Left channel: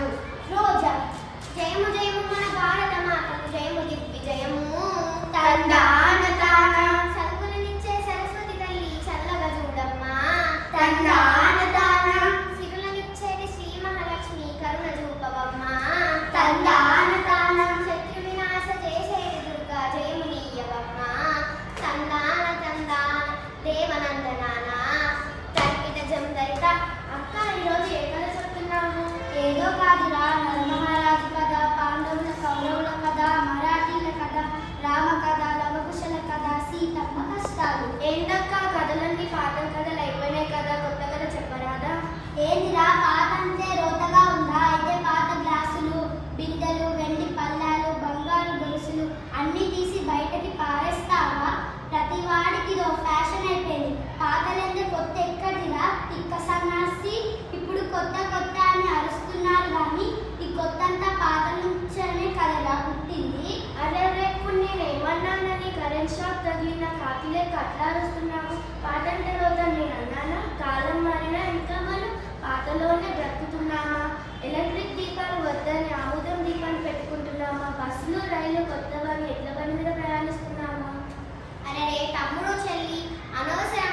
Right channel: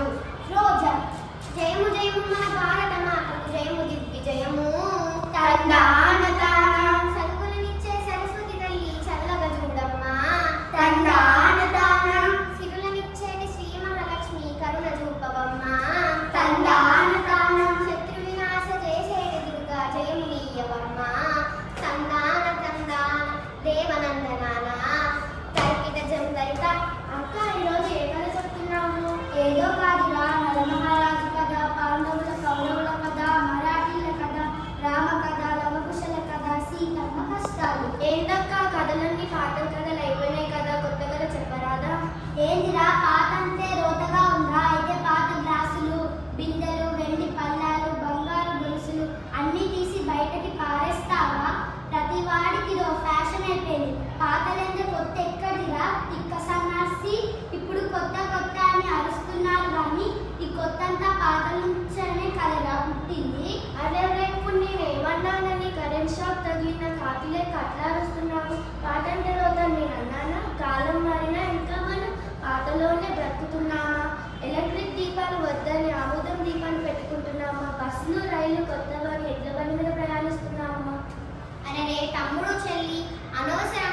కాదు. రోజా జయము జయము మన భారత మాతకు జయము దిగ్విజయము. తందాన తాన సరుకులనిచ్చే సరస్వతి తల్లి చల్లగా చూడమ్మా. తందాన తాన సిరులనిచ్చేది శ్రీ మహాలక్ష్మి కరుణ చూపవమ్మా. తందాన తాన శత్రు వినాశ చేసేది దుర్గా జయము నీయవమ్మా. తందాన తందాన దేవనందనాన తర్కిత జందరిత. అక్క ఈరోజు ఏ కథ చెప్తున్నాము? ఏదో కాదురా, నరమహారాజు కథ, పాండవుల కౌరవుల కథ, మరాఠీల కథ, రామ కథ, లవకుశల కథ, సీతమ్మ కష్టాలు. ఏంటక్క కథలన్నీ పాత కథలు అయిపోయినాయి కదా, కొత్త కథ చెప్పరాదా? ఏంటిరా పాత అంటే రోతగా ఉందా? అయితే పాత గ్లాసులు, బిందెలు, వెండి పళ్ళాలు, బంగారు గొలుసులు అన్నీ తీసి బయటకి పారేస్తావా? ప్రతి వాడికి ఇదో ఫ్యాషన్ అయిపోయింది. పాతలంటే కొత్త ఎక్కడిరా తిక్క సన్నాసి. ఇప్పుడు కొత్త కొత్త అని అరుస్తున్నారు కానీ ఈ కొత్త అంతా పాత నుంచనే కదరా పుట్టింది. అదే ఇప్పుడు నేనేమన్నానని కరెంట్ షాక్ తగిలిన కాకిలే కట్లా అరుస్తున్నావు? పాతంటే రోజు నేను అన్నానా? కాలం మారినా ఇంకా మనం పాతలోనే బ్రతుకుతున్నామా? ఎలక్ట్రిక్ దీపాలు వద్దని ఆముదం దీపాలు పెట్టుకుంటున్నామా? బస్సులు రైలు కొత్త ఎడ్ల బండి మీద ప్రయాణిస్తున్నామా? అనే తమ్ముడు చెల్లి అనవసరం